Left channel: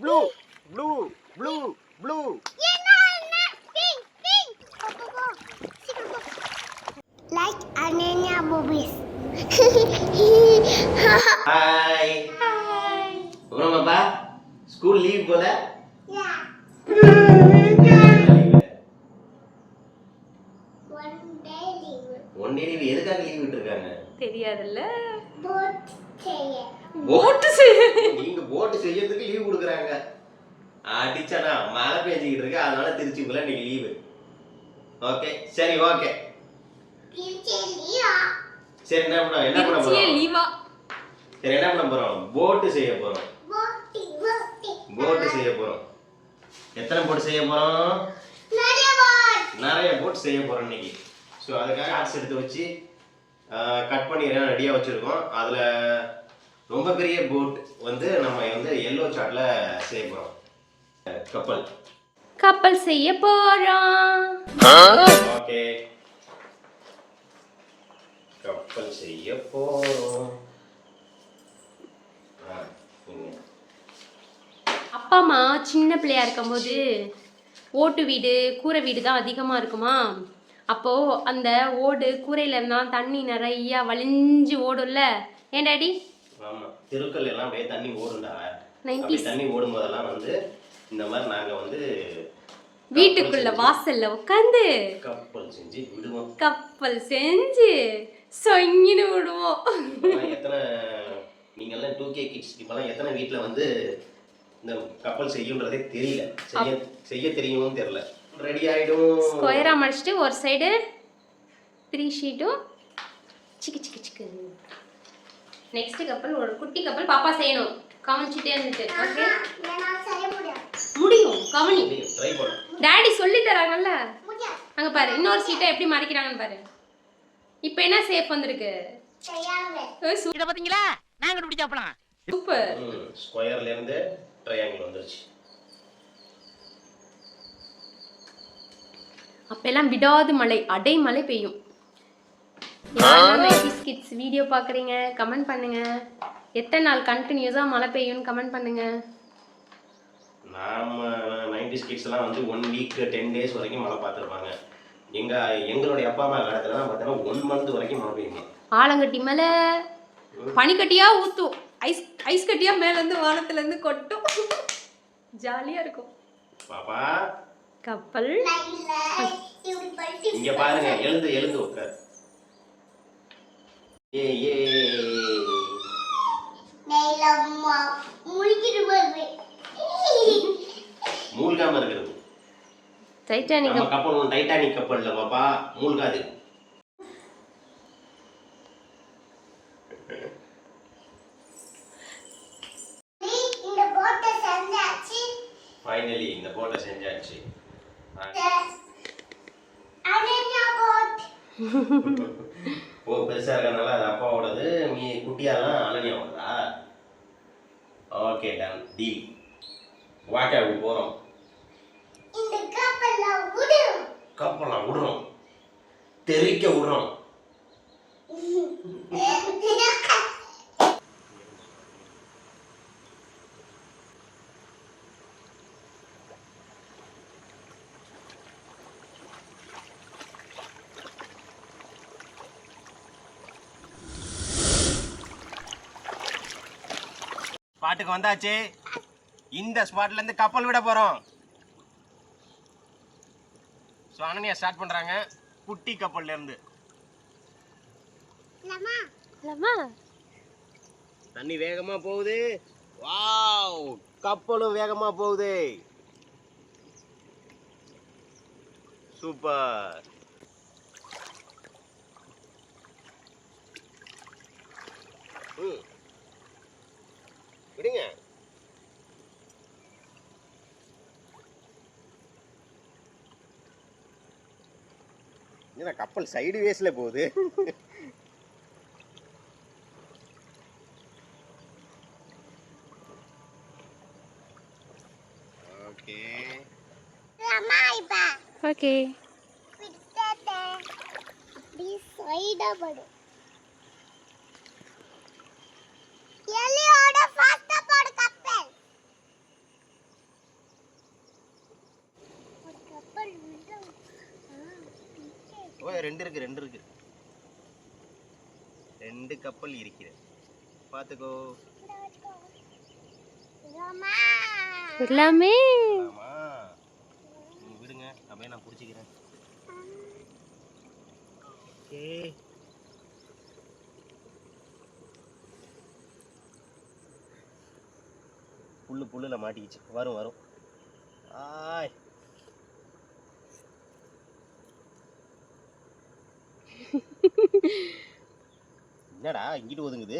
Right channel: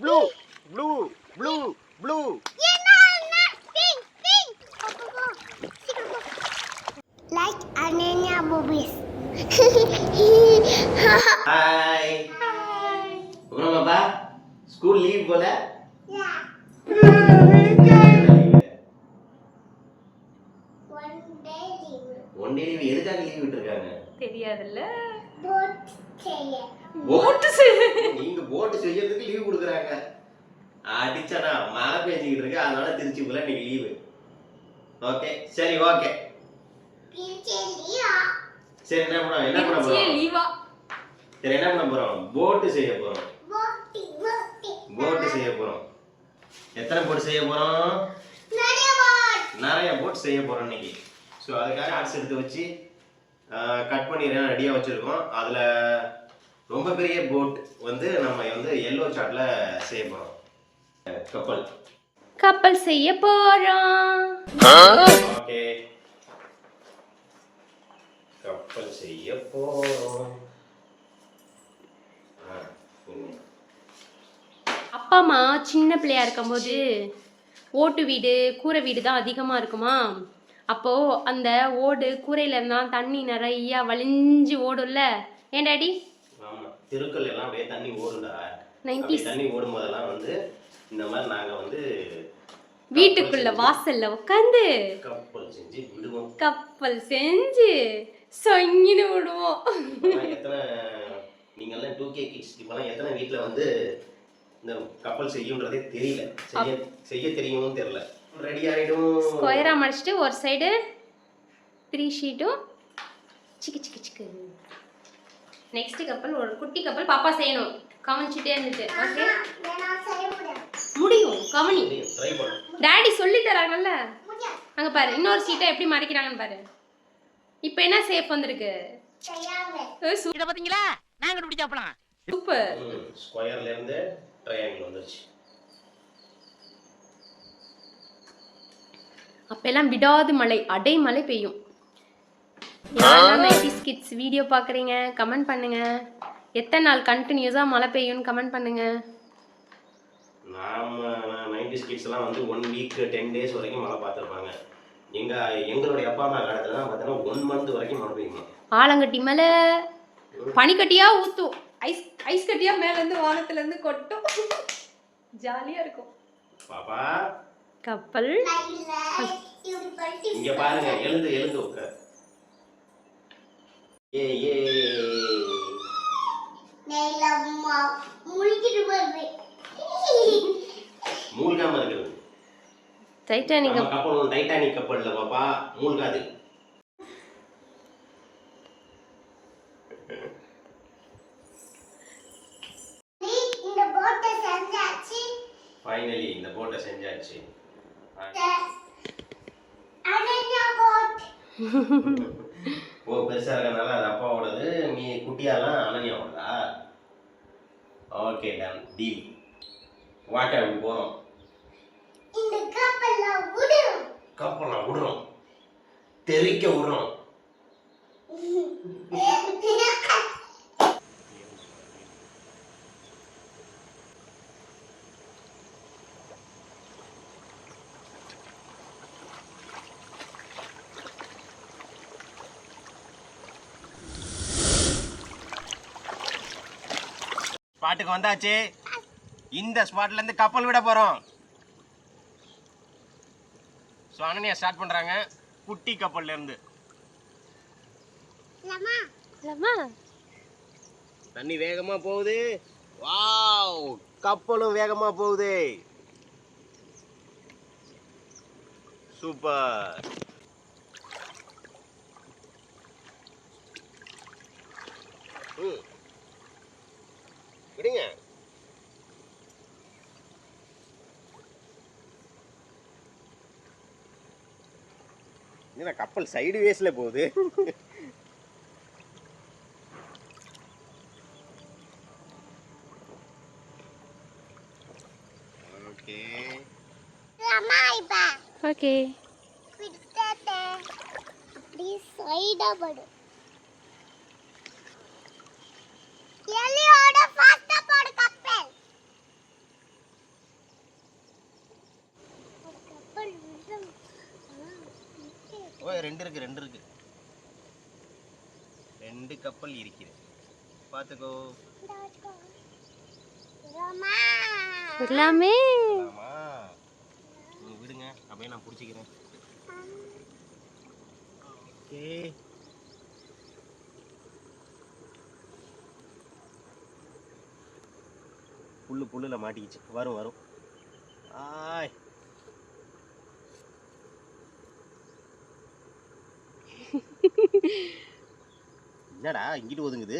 Blue blue blue blue. Like Ananya movies. Hi. அப்புறம் பாப்பா school leave போல? Yeah. One day leave. எதுக்காக leave விட்டுருக்காங்க தெரியாதுல்ல. Boat செய்ய நீங்க போட் செய்யறதுக்கு லீவ் கொடுக்குறாங்க. அடிச்சனா மழை பெஞ்சிக்கிட்டு இருக்கு, அதனால திருச்சிக்குள்ள இன்னைக்கு லீவு. ஓகே சரி ஓகே. சரி என்ன பண்ண போறோம்? லீவா? சரி என்ன பண்ண போறோம்? போட் செய்ய போறோம். போட் செய்ய போறோம். எத்தனை போட் செய்ய போறோம்? நிறைய போட் செய்ய போறோம் இன்னைக்கு. ஸோ அதுக்காக ஆர்ட்ஸ் எடுத்து வச்சு கட் பண்ணி ரெடியாக வச்சுருக்கோம். அதில் ரொம்ப பெரிய போட் வந்து நம்ம வந்து எல்லோ சார்ட்ல செய்ய போகிறோம். கப்பல் செய்ய போறோம். ஓகே கப்பல் செய்ய போறோம். அப்பா அம்மா சின்ன பிள்ளையா இருக்கும்போது ஓட்டு வீடு கூரை வீடு தான் அதிகமாக இருக்குமா. அப்போது அந்த ஓடு கூரையில இருந்தால் தண்ணி நிறையா வலிஞ்சு ஓடும்ல. ஏன் டாடி? ஆமாம், தெருக்கள் எல்லாம் அப்படியே தண்ணி ஓடுண்டா. 90s தண்ணி ஓடும் போதெல்லாம் வந்து இந்த மாதிரி நாங்கள் வந்து வீட்டுக்குள்ள வாசல்ல உட்காந்து கப்பல் செஞ்சு விடுவோம். கப்பல் செஞ்சு சொங்கின்னு விடுவோம். எத்தனை நீங்கெல்லாம் 2K கிட்ஸ் இப்பெல்லாம் எத்தனை வீட்டில் வந்து இந்த கப்பல் செய்யுன்றதே தெரியல. செய்ய தெரியும்னு தெரியல. ரெடி ஆகிடும். ஸ்கொயராக மடிச்சிட்டு ஒரு சைடு 3 ஷீட்டும் சிக்கு சிக்கு சிக்கு. நெக்ஸ்ட் கப்பல் ஒரு குட்டி கப்பல் பாப்பா செய்யணும். கவனிச்சுட்டே இருந்துட்டு. ஓகே முடியும். கவனி. ட்ரை பண்ணு. டாடி சொல்லி தராங்கல்ல. அங்க பாரு இன்னொரு சீட்டை எப்படி மறைக்கிறாங்கன்னு பாரு. இப்போ என்ன ஷேப் வந்திருக்கு? இத பாத்தீங்களா? நான் கண்டுபிடிச்சாப்லாம். சூப்பர். ஸ்கொயர்ல இருந்து ட்ரையாங்கிள் வந்துருச்சு. அப்பெல்லாம் விடாது மழை, அடைமழை பெய்யும். கிட்ஸ் வீடியோ பார்க்குறீங்க கமெண்ட் பண்ணுங்க. எத்தனை நாள் கண்டினியூஸாக மழை பெய்யும்னு கமெண்ட் பண்ணுங்க. நாம 90s கிட்ஸ் எல்லாம் வந்து 1 வீக் 10 டேஸ் வரைக்கும் மழை பார்த்துருப்பாங்க. எங்களுடைய அப்பா அம்மா காலத்துல தான் பார்த்தீங்கன்னா 1 மந்த் வரைக்கும் மழை பெய்யுமா. ஆலங்கட்டி மேலே பனிக்கட்டியா ஊற்றும், ஐஸ் கட்டியா மேலேருந்து வானத்துலேருந்து கொட்டும். ஜாலியாக இருக்கும். பாப்பா கப்பல் இங்க பாருங்க, எழுந்து உட்கார். ஏ ஏ மூழ்காம இருக்கிறது. டைட்டானிக் கப்பல் டைட்டானிக் கப்பல்ல பாப்பா மூழ்காது. ஃபைனலி இந்த போட்டை செஞ்சாச்சு. ஓ பெருசா இருக்கறனால அது அப்பாவோடது, நீ குட்டியாலாம் அனன்யாவோடதா? Okay done deal. வாட்டர் போறோம். இந்த கப்பல்ல விடுறோம், தெறிக்க விடுறோம். ஸ்பாட்டுக்கு வந்தாச்சு. இந்த ஸ்பாட்ல இருந்து கப்பல் விட போறோம். ஸோ அனன்யா ஸ்டார்ட் பண்றாங்க குட்டி கப்பல்ல இருந்து. தண்ணி வேகமா போகுது. வாவ், கப்பலும் வேகமா போகுது. சூப்பர். விடுங்க. என்ன கப்பல் சைடு வேஸ்ல போகுது. ஓகே ஓகே ப்ளீஸ் சைடா படு. எலியோட ஃபாஸ்டா போடு கப்பல். ஓ ரெண்டு இருக்கு 2 கப்பல் இருக்கிறது. பார்த்துக்கோ. எல்லாமே ஆமா. விடுங்க அப்படியே நான் பிடிச்சிக்கிறேன். ஓகே. புல்லுல மாட்டிக்கிச்சு. வரும். ஆய். என்னடா இங்கிட்டு ஒதுங்குது?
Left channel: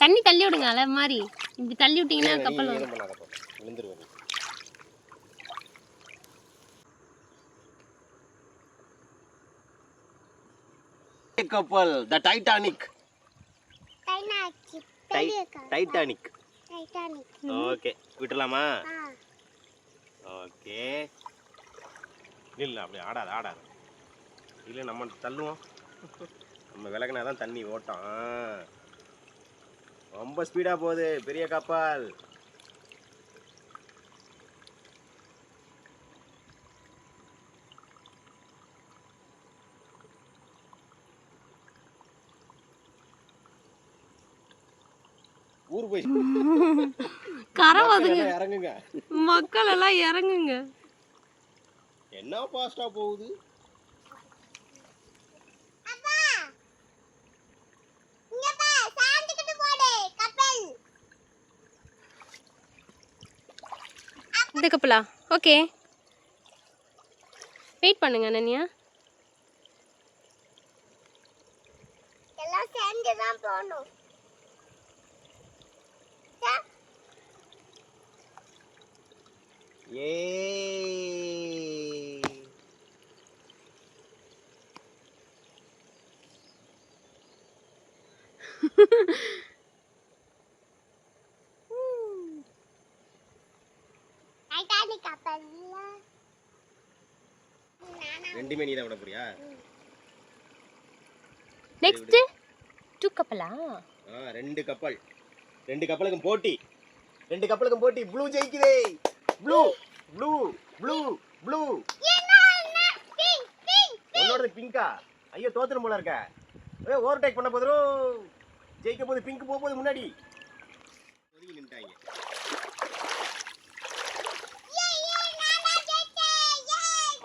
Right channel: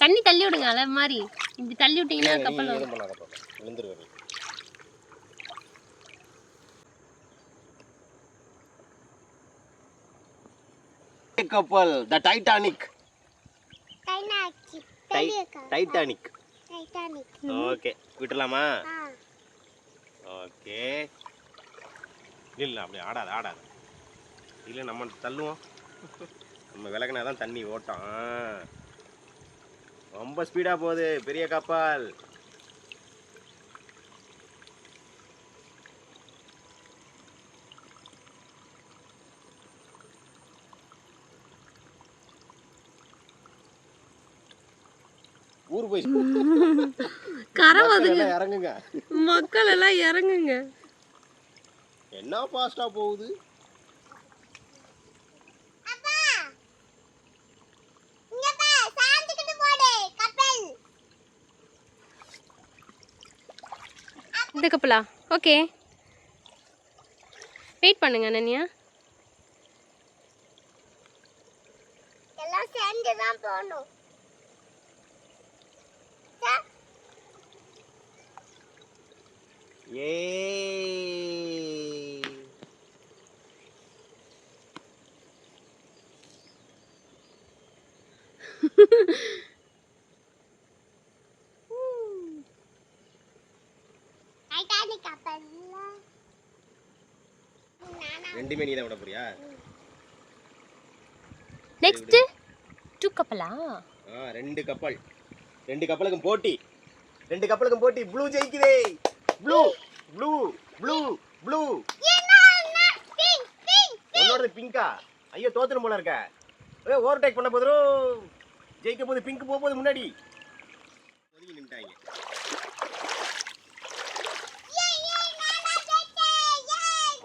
தண்ணி தள்ளி விடுங்க அலை மாதிரி. இப்படி தள்ளி விட்டீங்கன்னா கப்பல் வரும். விழுந்துருவேன். கப்பல் த டைட்டானிக். டைட்டானிக். ஓகே விட்டுலாமா? ஓகே. இல்லை அப்படி ஆடாத. இல்லை நம்ம தள்ளுவோம். நம்ம விலகினா தான் தண்ணி ஓட்டம். ரொம்ப ஸ்பீடாக போகுது பெரிய கப்பல். ஊர் போய் இறங்குங்க. மக்கள் எல்லாம் இறங்குங்க. என்ன ஃபாஸ்டா போகுது. இந்த கப்பலா? ஓகே வெயிட் பண்ணுங்க அனன்யா. எல்லாம் சேர்ந்து தான் போகணும். ஏ டைட்டானிக் கப்பல். ரெண்டுமே நீ தான் விட போறியா? நெக்ஸ்ட் 2 கப்பலா? 2 கப்பல். 2 கப்பலுக்கும் போட்டி. 2 கப்பலுக்கும் போட்டி. ப்ளூ ஜெயிக்குதே. ப்ளூ. உன்னோட பிங்கா? ஐயோ தோத்துரும் போல இருக்க. ஓவர்டேக் பண்ண போதும். ஜெயிக்க போகுது பிங்க் போக போகுது முன்னாடி. ஒதுங்கி நின்னுட்டாங்க.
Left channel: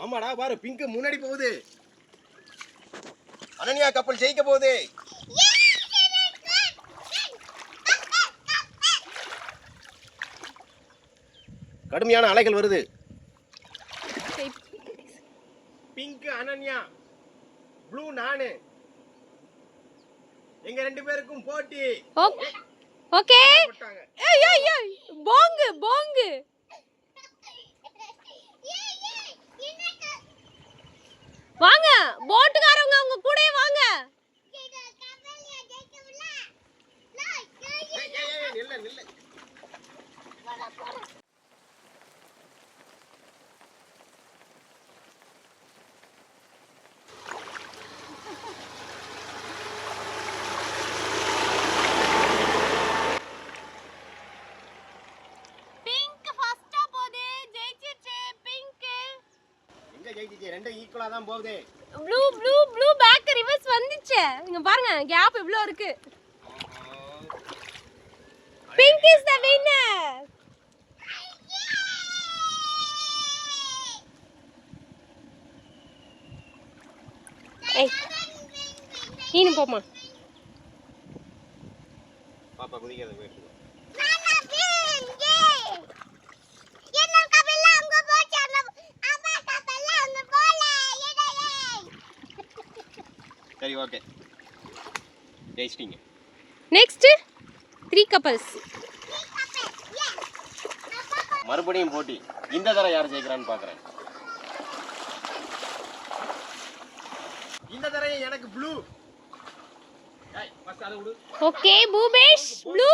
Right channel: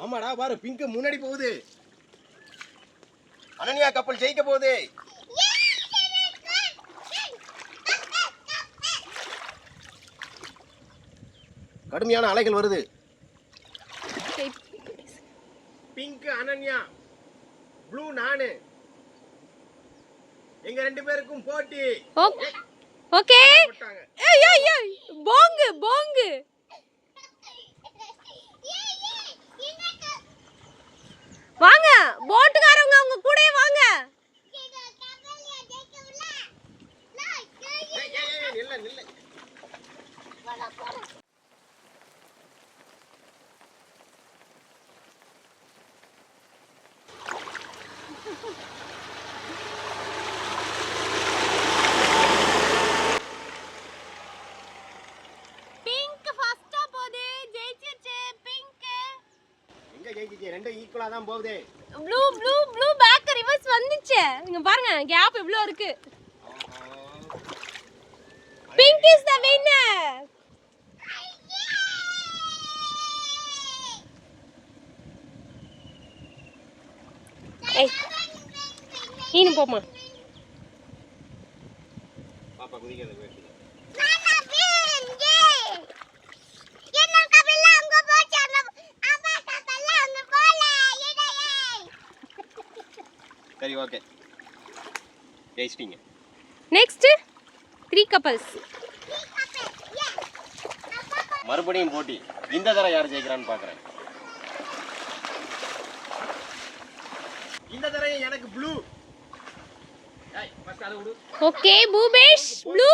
ஆமாடா பாரு பிங்க் முன்னாடி போகுது. அனன்யா கப்பல் ஜெயிக்க போகுது. கடுமையான அலைகள் வருது. பிங்க் அனன்யா, ப்ளூ நானு. எங்க 2 பேருக்கும் போட்டி. ஓகே. ஏய் போங்கு. வாங்க போட்டுக்காரவங்க அவங்க கூடயே வாங்க. நில்ல. ரெண்டும் ஈக்குவலா தான் போகுது. ப்ளூ பேக் ரிவர்ஸ் வந்துச்சு. இங்க பாருங்க கேப் இவ்ளோ இருக்கு. Pink is the winner. ஏய் நீனு போமா. பாப்பா குதிக்கிறது பேசு. சரி ஓகே ஜெயிச்சிட்டீங்க. Next 3 couples. மறுபடியும் போட்டி. இந்த தடவை யார் ஜெயிக்கிறான்னு பார்க்குறேன். இந்த தடவை எனக்கு blue. Okay Bhupesh blue.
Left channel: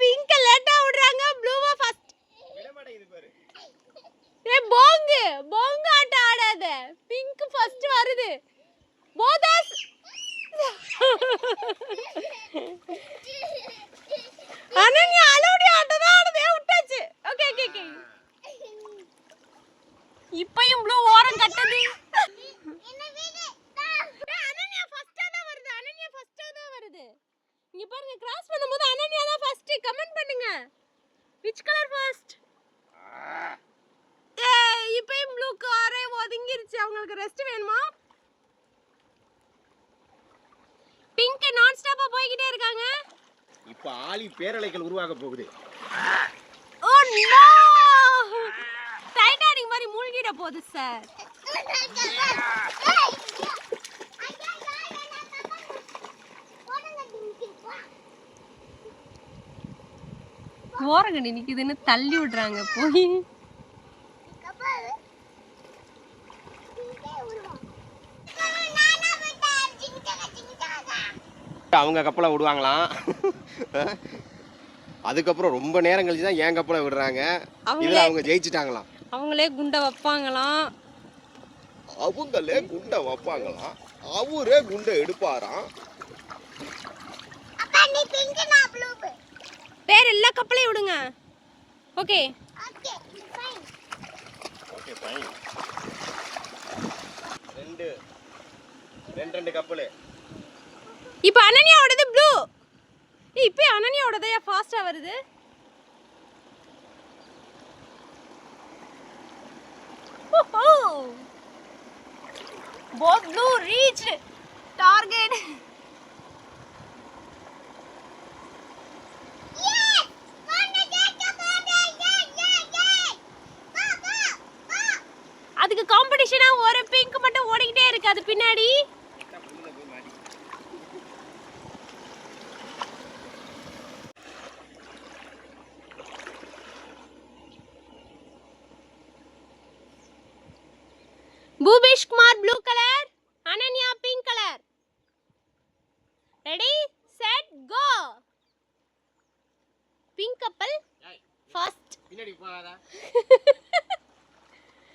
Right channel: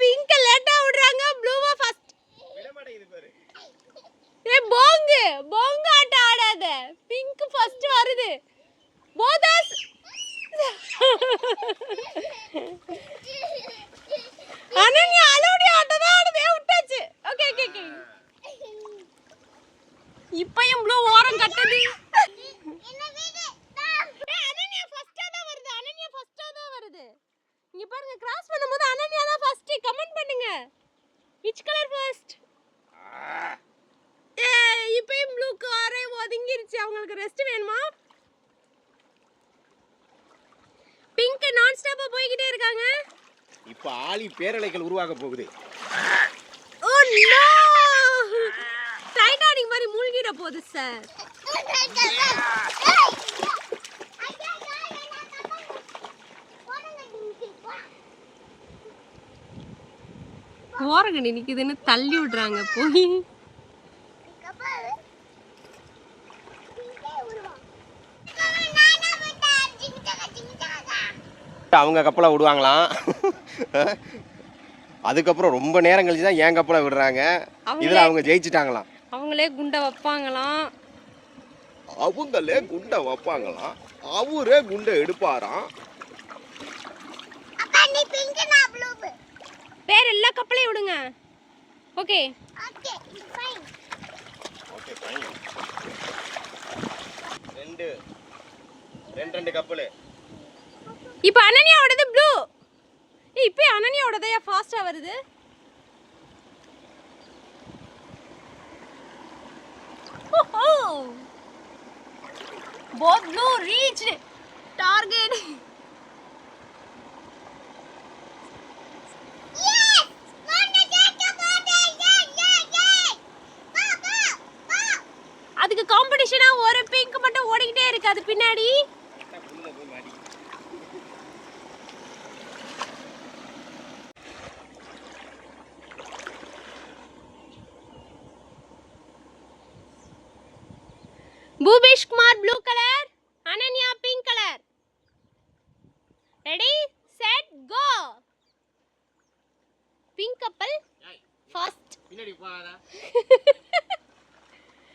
Pink லேட்டா விடுறாங்க. ப்ளூவா ஃபர்ஸ்ட். விட மாட்டேங்குது பாரு. போங்க ஆட்ட ஆடாத. பிங்க் ஃபர்ஸ்ட் வருது. போதாஸ் அனன்யா அலோடி ஆட்ட தான் போய்கிட்டே இருக்காங்க. இப்போ ஆழி பேரலைகள் உருவாக போகுது. ஓ நோ, டைட்டானிக் மாதிரி மூழ்கிட போகுது சார். ஓரங்கடி நிக்குதுன்னு தள்ளி விடுறாங்க போய். அவங்க கப்பலை விடுவாங்களாம். அதுக்கப்புறம் ரொம்ப நேரம் கழிச்சு தான் என் கப்பலை விடுறாங்க. இதில் அவங்க ஜெயிச்சிட்டாங்களாம். அவங்களே குண்டை வைப்பாங்களாம். அவங்களே குண்டை வைப்பாங்களாம். அவரே குண்டை எடுப்பாராம். பேர் எல்லா கப்பலையும் விடுங்க. ஓகே ரெண்டு கப்பல். இப்போ அனன்யாவோடது ப்ளூ. இப்போ அனன்யாவோடது ஃபாஸ்டா வருது. Both blue reached target. அதுக்கு காம்படிஷனா ஒரு பிங்க் மட்டும் ஓடிக்கிட்டே இருக்கு அது பின்னாடி. Bhubesh Kumar blue color, Ananya pink color. Ready, set, go. Pink couple first. பின்னாடி போகாதா?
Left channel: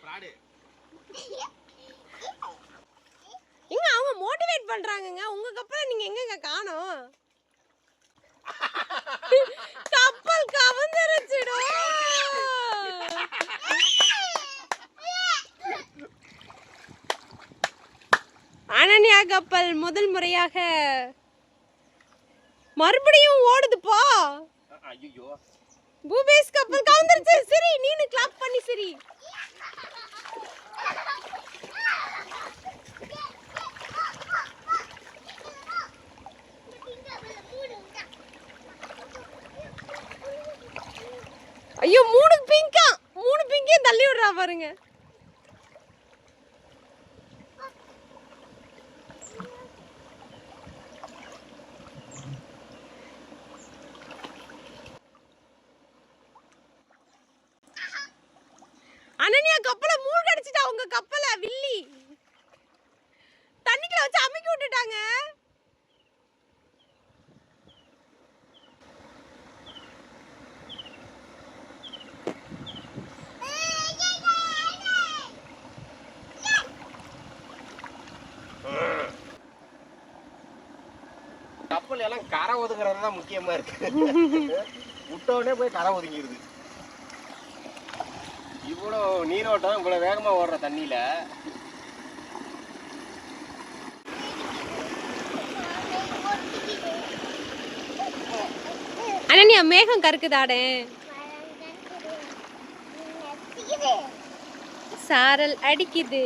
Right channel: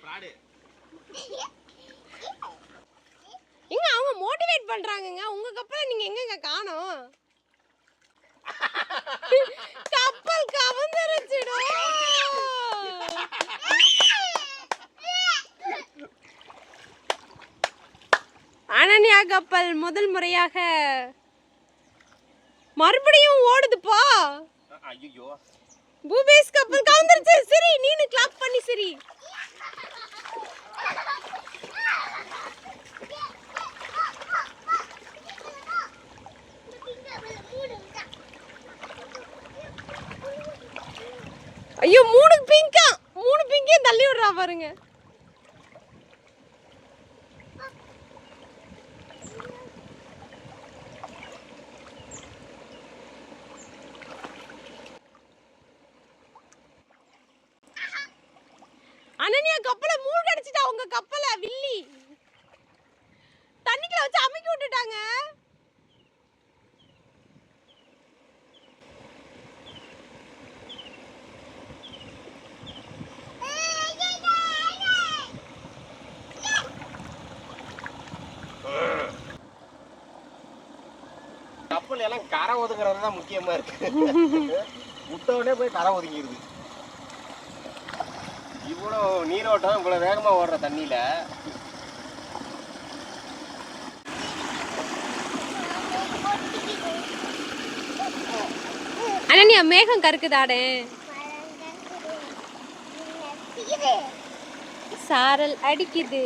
ஃப்ராட். எங்க அவங்க மோட்டிவேட் பண்றாங்கங்க. உங்க கப்பலை நீங்க எங்கங்க காணோம்? கப்பல் கவர்ந்துருச்சுடோ. அனன்யா கப்பல் முதல் முறையாக மறுபடியும் ஓடுதுப்பா. ஐயோ, பூபேஷ் கப்பல் கவுந்துருச்சு. சரி நீனு கிளாப் பண்ணி சரி. ஐயோ 3 பிங்கா, 3 பிங்கையும் தள்ளி விடுறா பாருங்க. அனன்யா கப்பலை மூழ்கடிச்சிட்டா. உங்க கப்பலை வில்லி தண்ணிக்குள்ள வச்சு அமுக்கி விட்டுட்டாங்க. கப்பல் எல்லாம் கரை ஒதுங்கிறது தான் முக்கியமா இருக்கு. விட்டோடனே போய் கரை ஒதுங்கிடுது. இவ்வளோ நீரோட்டம் இவ்வளோ வேகமாக ஓடுற தண்ணியில் அனன்யா மேகம் கருக்குதாடே. சாரல் அடிக்குது.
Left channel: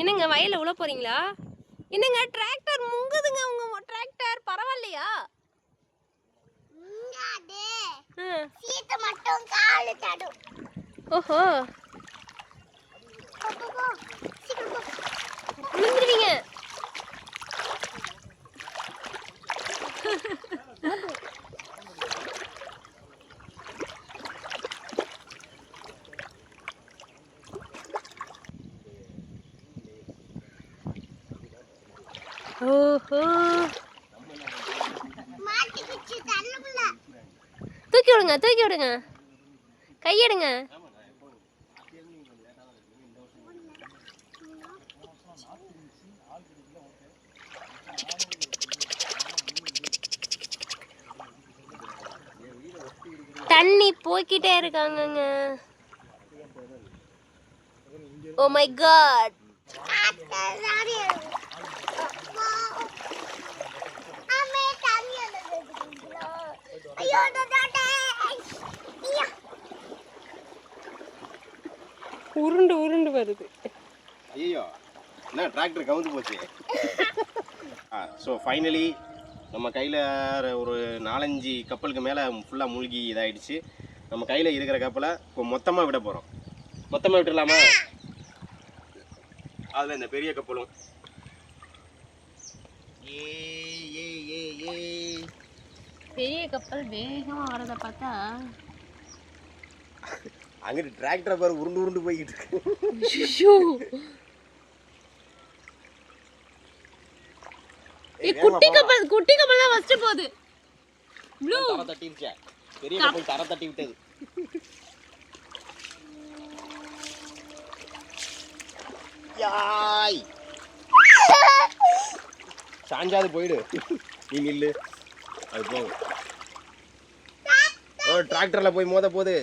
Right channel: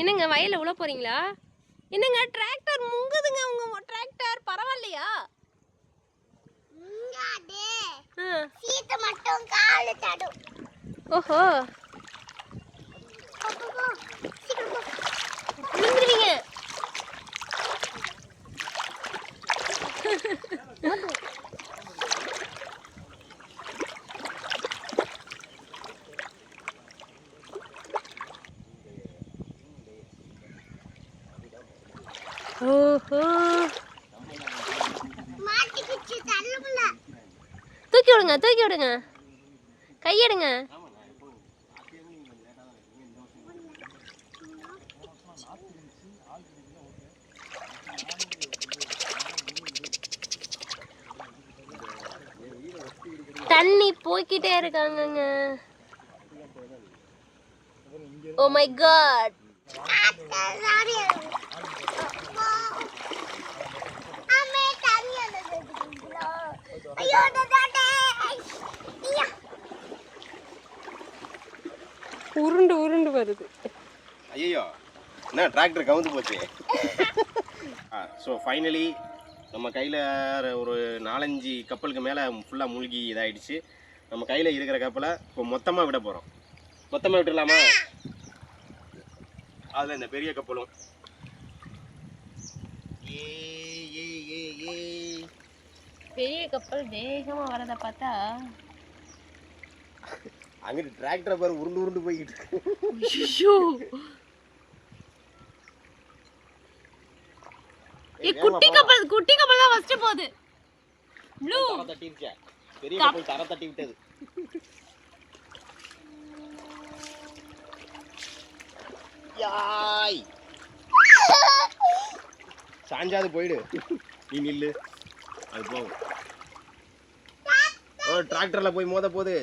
என்னங்க வயல்ல உள்ள போறீங்களா? என்னங்க டிராக்டர் முங்குதுங்க. உங்க டிராக்டர் பரவாயில்லையா? சீத்த மட்டும் கால் தடும். ஓஹோ விழுந்துருவீங்க. ஓஹோ மாட்டிக்கிச்சு தள்ளுல. தூக்கி விடுங்க, தூக்கி விடுங்க, கையெடுங்க. தண்ணி போய்கிட்டே இருக்காங்கங்க. Oh my God. ஐயோ உருண்டு உருண்டு வருது. ஐயோ என்ன டிராக்டர் கவுந்து போச்சு. ஸோ ஃபைனலி நம்ம கையில் ஒரு 4-5 கப்பலுக்கு மேலே ஃபுல்லாக மூழ்கி இதாகிடுச்சு. நம்ம கையில் இருக்கிற கப்பலை இப்போ மொத்தமாக விட போகிறோம். மொத்தமாக விட்டுடலாமா? அதில் இந்த பெரிய கப்பலும் பெரிய கப்பல் வேகமா வரத பார்த்தா அங்கிட்டு டிராக்டரை பாரு உருண்டு உருண்டு போய்கிட்டு இருக்கு. குட்டி கப்பல் தான் ஃபர்ஸ்ட் போகுது. ப்ளூ தட்டிடுச்சா? பெரிய கப்பல் தர தட்டி விட்டது. யாய் சாஞ்சாது போயிடு. நீ நில்லு, அது போகும். ஓ டிராக்டர்ல போய் மோத போகுது.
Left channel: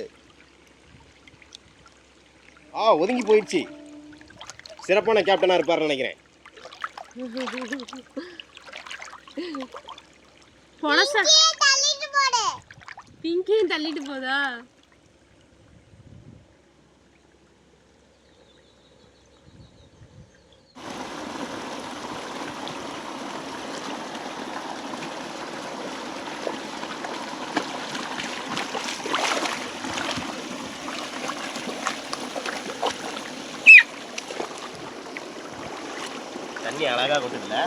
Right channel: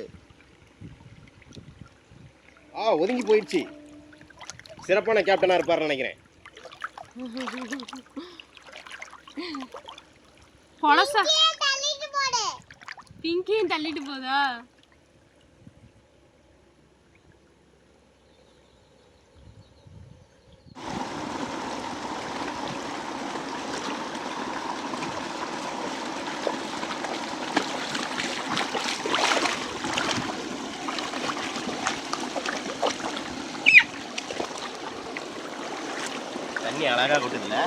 ஒதுங்கி போயிடுச்சு. சிறப்பான கேப்டனா இருப்பாருன்னு நினைக்கிறேன். பிங்கியும் தள்ளிட்டு போதா? தண்ணி அழகா கொட்டுதுல.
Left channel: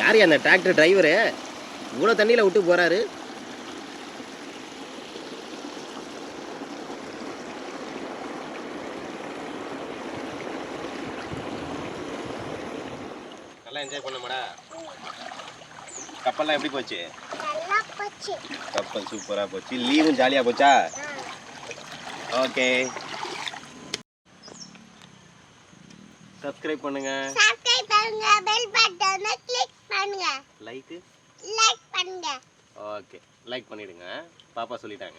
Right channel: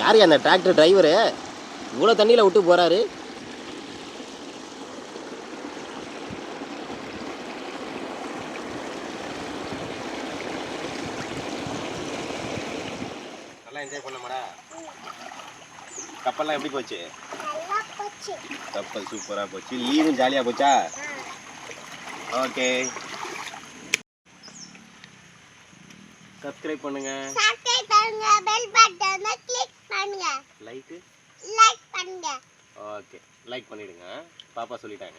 யாரு அந்த டிராக்டர் டிரைவரு இவ்வளோ தண்ணியில் விட்டு போறாரு? நல்லா என்ஜாய் பண்ணமாடா. கப்பல்லாம் எப்படி போச்சு? கப்பல் சூப்பராக போச்சு. லீவும் ஜாலியாக போச்சா? ஓகே, சப்ஸ்கிரைப் பண்ணுங்க, பெல் பட்டனை கிளிக் பண்ணுங்க, லைக் பண்ணுங்க. ஓகே லைக் பண்ணிடுங்க. பாப்பா சொல்லிட்டாங்க.